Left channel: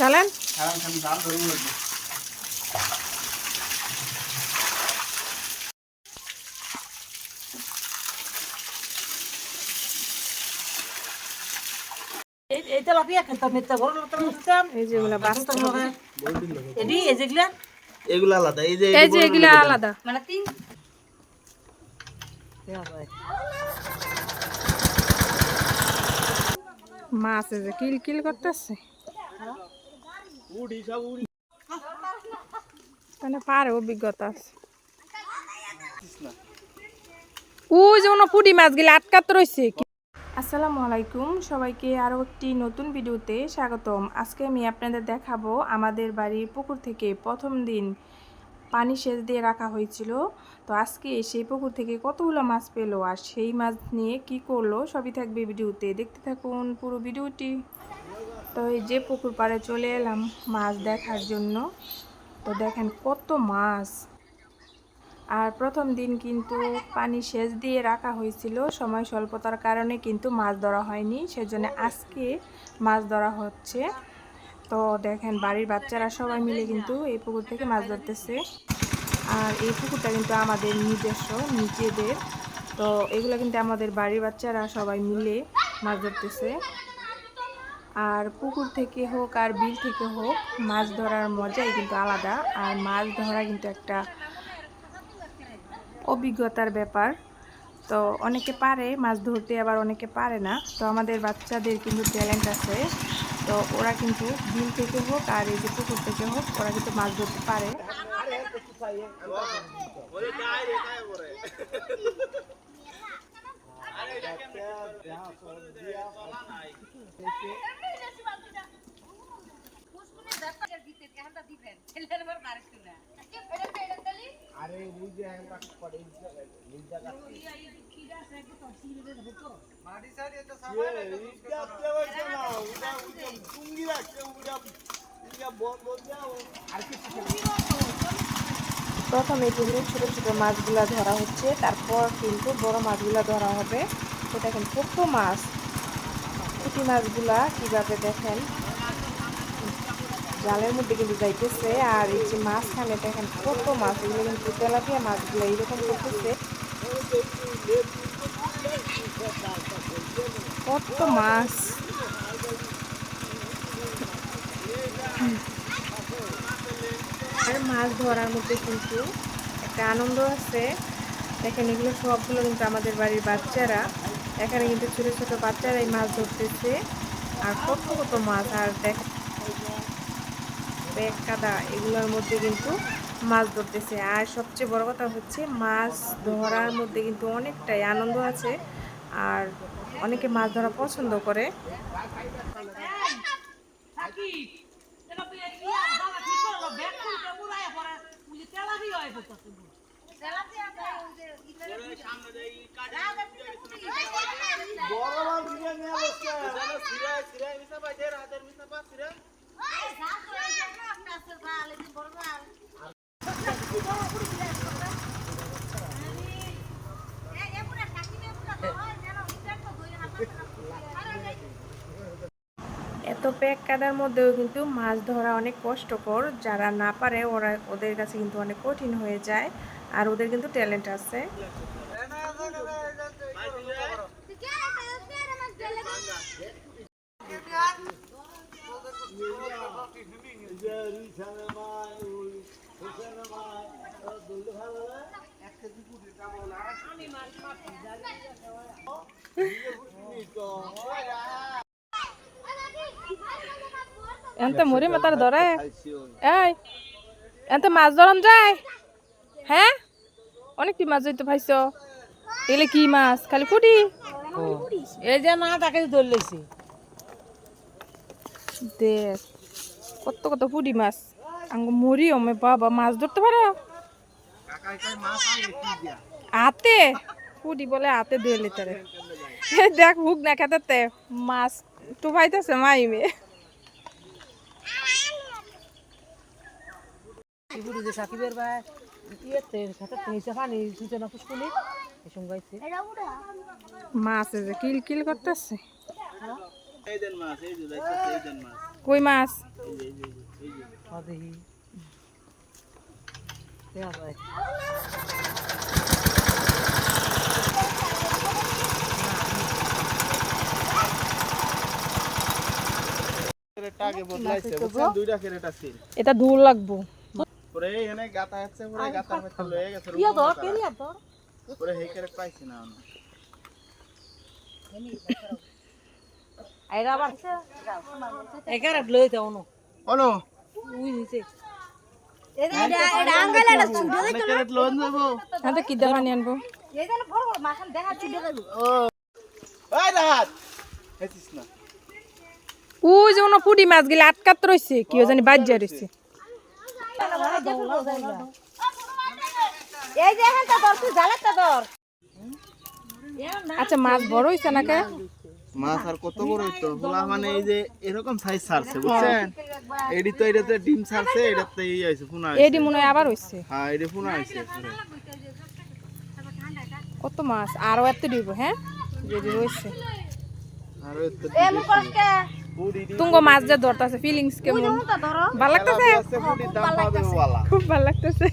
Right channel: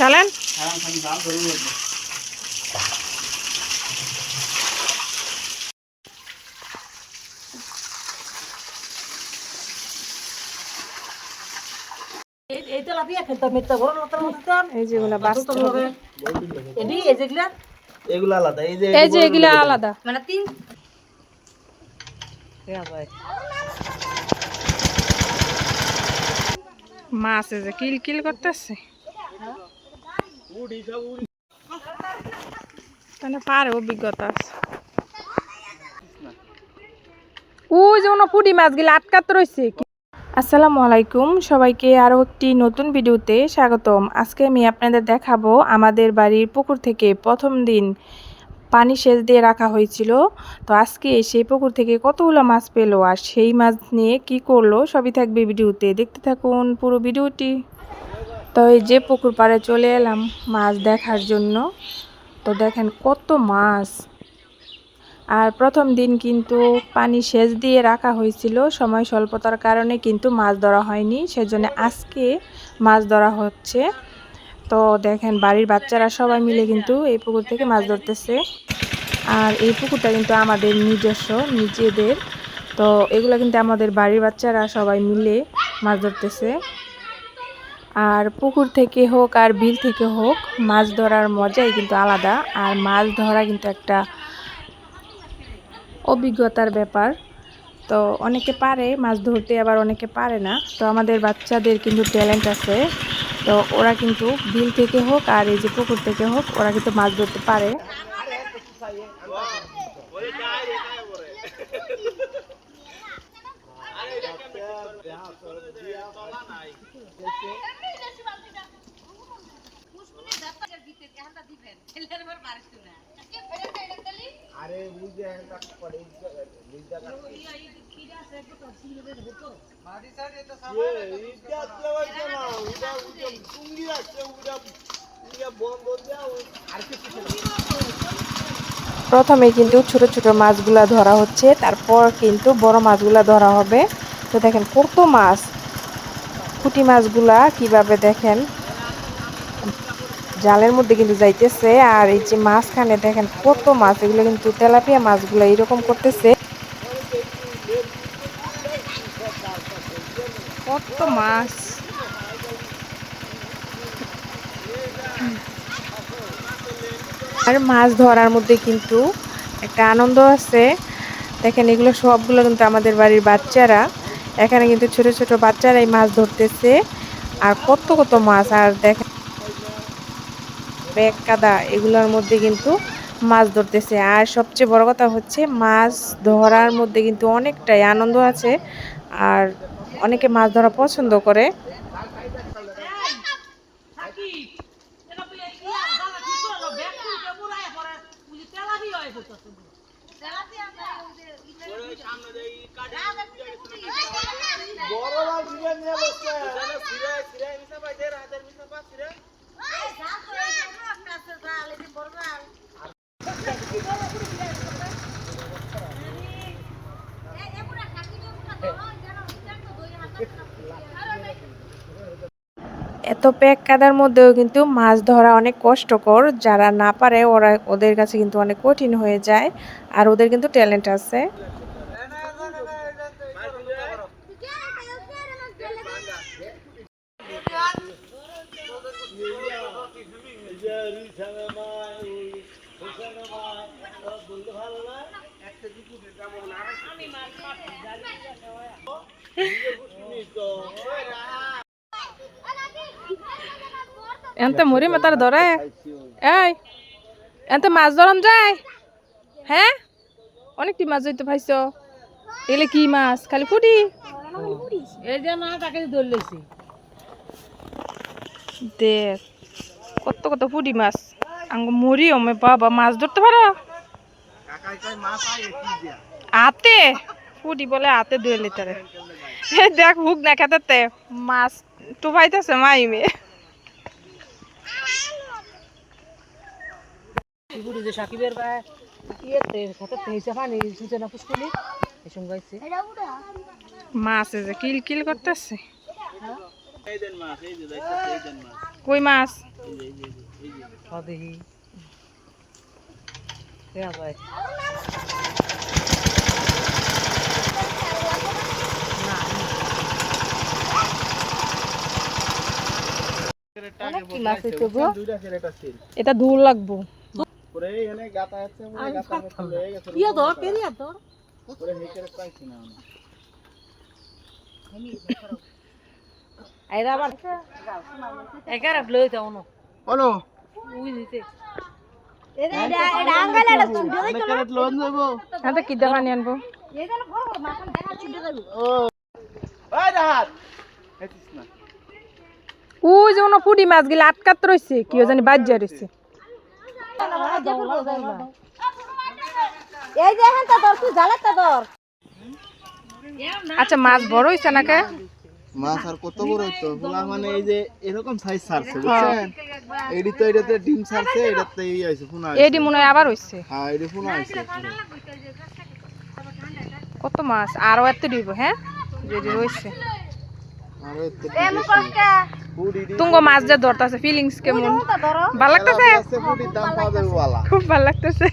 ডালেন এগুলা আলাদা, এই যে এগুলা আলাদা মানে তিন মাছ এই যে কিল কিল করতেছে তাহলে পারে অভিজ্ঞতা আছে। ওই যে পুঁটি মাছগুলো আটকাতে রয়েছে। আসসালামু আলাইকুম, সবাইকে আরও একটি নতুন ভিডিওতে স্বাগতম। আজকে আমি আপনাদের দেখাবো আমাদের বাড়ির পুকুর থেকে প্রথম দিন পানি সেচ দিয়ে রাখা হয়েছিল। তো আজকে সেই পুকুর থেকে কতগুলো মাছ পেলো আর সেই মাছ নিয়ে কি করলো সবই থাকবে ভিডিওতে, দেখতে থাকুন পুরো ভিডিওটি। তো এই যে পুকুর পাড়ে চলে এলাম মাছ দেখার জন্য। তো দেখেন কত মাছ। আর প্রথম দিন কিন্তু পানি সেচ দিয়ে রাখা হয়েছিল, সময় স্বল্পতার কারণে কিন্তু মাছ ধরা হয়নি, সেজন্য আজকে মাছ ধরা হচ্ছে। তো দেখেন বাড়ির বাচ্চারা সবাই মিলে কিন্তু এই পুকুর থেকে মাছ ধরতেছে। আর এই পুকুরটা কিন্তু আমাদের নিজস্ব নিজেদের। তো এগুলো কিন্তু আমাদের বাড়ির বাচ্চারা সবাই মিলে মাছ ধরতেছে। আর পুকুর থেকে হোক আর বিল থেকে হোক মাছ ধরার মজাই কিন্তু আলাদা। আর মাছ ধরা কিন্তু একটা অভিজ্ঞতার ব্যাপার। তো অনেকে পারে মাছ ধরতে, আবার অনেকে পারে না। তো আমাদের বাচ্চাদের কিন্তু ট্যালেন্ট আছে। তো ওরা কিন্তু বিল থেকে হোক আর এই যে পুকুর থেকে হোক ওরা কিন্তু মাছ ধরতে পারে। প্রথমে কিন্তু ছোট ছোট মাছগুলা ধরা হচ্ছে, তারপর কিন্তু বড় মাছগুলা ধরা হবে। তো দেখেন কত মাছ, পুঁটি মাছগুলা কিভাবে দেখেন জালের মধ্যে কিন্তু যাইতেছে। আর এই যে মাছখানে দেখেন কত মাছ, এগুলো কিন্তু তেলাপিয়া মাছগুলো এরকম করতেছে। কত মাছ, আর মাছ ধরার মধ্যে কিন্তু একটা আনন্দ আছে। দেখেন এগুলো সবগুলো কিন্তু আমাদের বাড়ির বাচ্চারা, এখানে কিন্তু ছোট ছোট বাচ্চারাই মাছ ধরতেছে। আর কত কত মাছ, আর দেখেন ব্যাগ কাদা এগুলোর মধ্যে কিন্তু মাছ ধরতেছে। আর সবচেয়ে বড় কথা হচ্ছে মাছ ধরার মধ্যে কিন্তু অনেকটাই আনন্দ আছে। আর অনেকে মাছ ধরা পছন্দ করে। এত প্যাক কাদার মধ্যেও কিন্তু মাছ ধরা অনেক কষ্টকর। যারা না পারে ওদের কাছে কিন্তু অনেক কঠিন হয়ে যায়। আর ওদের কিন্তু ট্যালেন্ট আছে। এনতে মরি মাতার ধরে এই এনতে মাছ ধরন যায়। হ্যাঁ অনেকটি মাছ ধরতে পাইছ। এলে কি মাছ? খালি পুঁটি? এই যে মা তাকে ধরলেছি দেখ কত কত পুঁটি মাছ। আঙ্গ মরি ওমে বাবা মাছ ধরতে পারো হাতে? পুঁটি বলে হাতে ধুয়ে লিটারে। দেখ হুক না খেতে মাছ টুপাইতেছে মাইমে। সাকিবের মাছ যে কিল কিল করতেছে। কই মাছ? দেখি দেয়া যায়। এটা দূর লাগবো। আইরা আবার এগারা লই দাও না বলো উই দিতে তো কি দেখা নিয়ে আনবো? ওই যে কোনো পুঁটি মাছ গেলে আটকাত রয়েছে, কি জানি বাজ্যা রয়েছে। আচ্ছা মাছ বড় হয়েছে নাকি? মাছ আর কত বড় হইতো বলা, মানে এই যে এরকম সাইজ ছাড়ছে বুঝছেন, এডি তো এটাতে ডিম ছাড়ছে, এটাতে এই আইছে পুনা আইছে, এডি মনে হয় আবার হয়েছে। হ্যাঁ এডি পুনা আইছে। কত মাছ আরো এত দিব? হ্যাঁ যেটি রয়েছে আর এত তুঙ্গ মাছ যা ধরতেছে, ফিলিংস কেমন? ভাল লাগতেছে, দাম পাবে ওয়ালা। খুব ভাল লাগতেছে।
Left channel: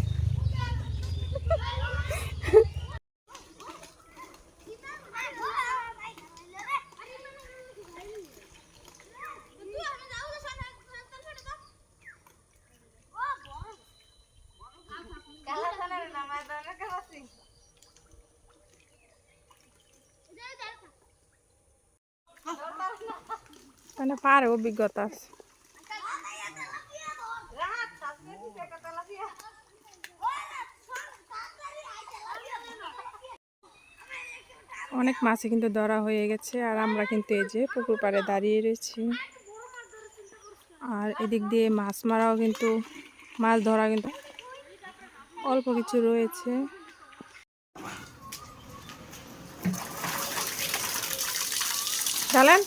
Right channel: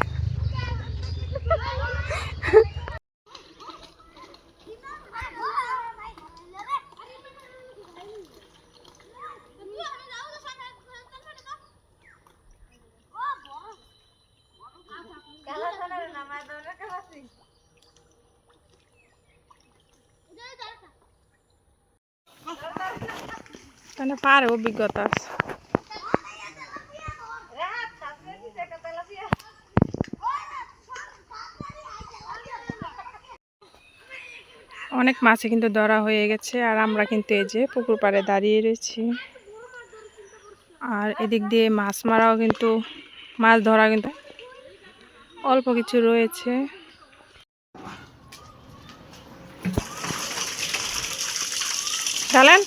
তাহলে পারে অভিজ্ঞতা আছে। অনেক মাছে কিন্তু ধরা হয়ে গেছে, আর আমরা কিন্তু এই যে পুকুর পাড়ে দাঁড়িয়ে রয়েছি। আর এদিক দিয়ে মাছ মারাও কিন্তু, মাছ ধরা কিন্তু অল্প কিছু রয়েছে। চলেন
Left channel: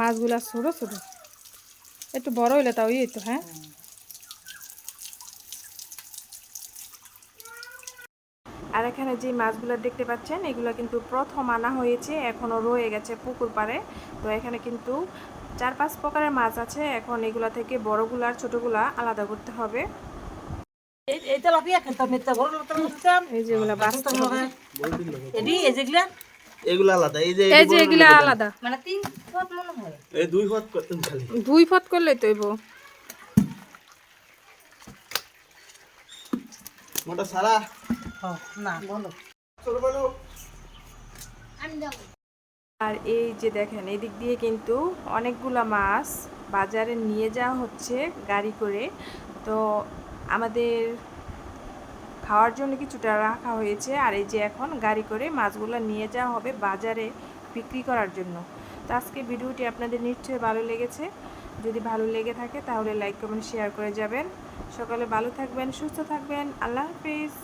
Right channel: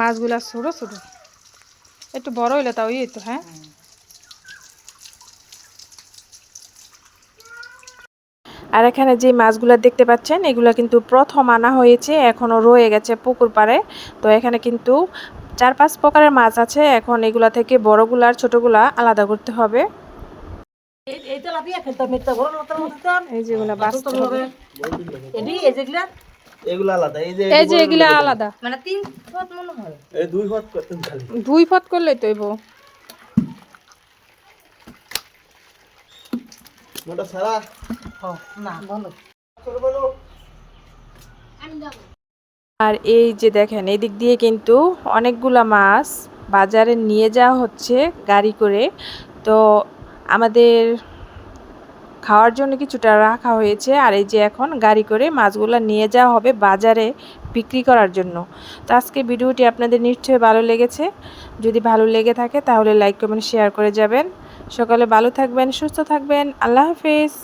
মাছগুলা ছোট ছোট, একটু বড় হইলে তাও ইয়ে তো। হ্যাঁ আর এখানে যে মাছগুলো দেখতে পাচ্ছেন, এগুলো কিন্তু প্রথম আনা হয়েছে, এখনো রয়ে গেছে পুকুর পাড়ে। তো এখানে কিন্তু 4-5 প্রকারের মাছ আছে। এখন এগুলা থেকে বড়গুলা আর ছোটগুলা আলাদা করতে হবে। এই তেলাপিয়া খেলতে মেতে বড় মত মতন এই যেগুলা বাঁচতে হবে, এডি এই যেগুলা এগুলা আলাদা, এই যে এই যে এগুলা আলাদা, মানে 3 ফুট মনে হয়। এই 2 হাত করতেন খালি 2 ফট করলেই তো হইব। মোটা সারা হ্যাঁ না বলো আর এই যে দেখেন, এদিক দিয়ে কিন্তু অনেকগুলা মাছ বাজারে নিয়ে যাওয়া হচ্ছে গাড়ি করে। তো আমাদের খাওয়ার জন্য কিছুটা রাখা হয়েছে, আর এই যে এখন গাড়ি করে মাছগুলো নিয়ে যাওয়া হবে বাজারে বিক্রি করার জন্য। তো আজকে ভিডিওটি আপনাদের নিশ্চয়ই ভালো লেগেছে। যদি ভালো লেগে থাকে তাহলে লাইক কমেন্ট শেয়ার করে যাবেন। সকালে ভালো থাকবেন, সুস্থ থাকবেন। আল্লাহ হাফেজ।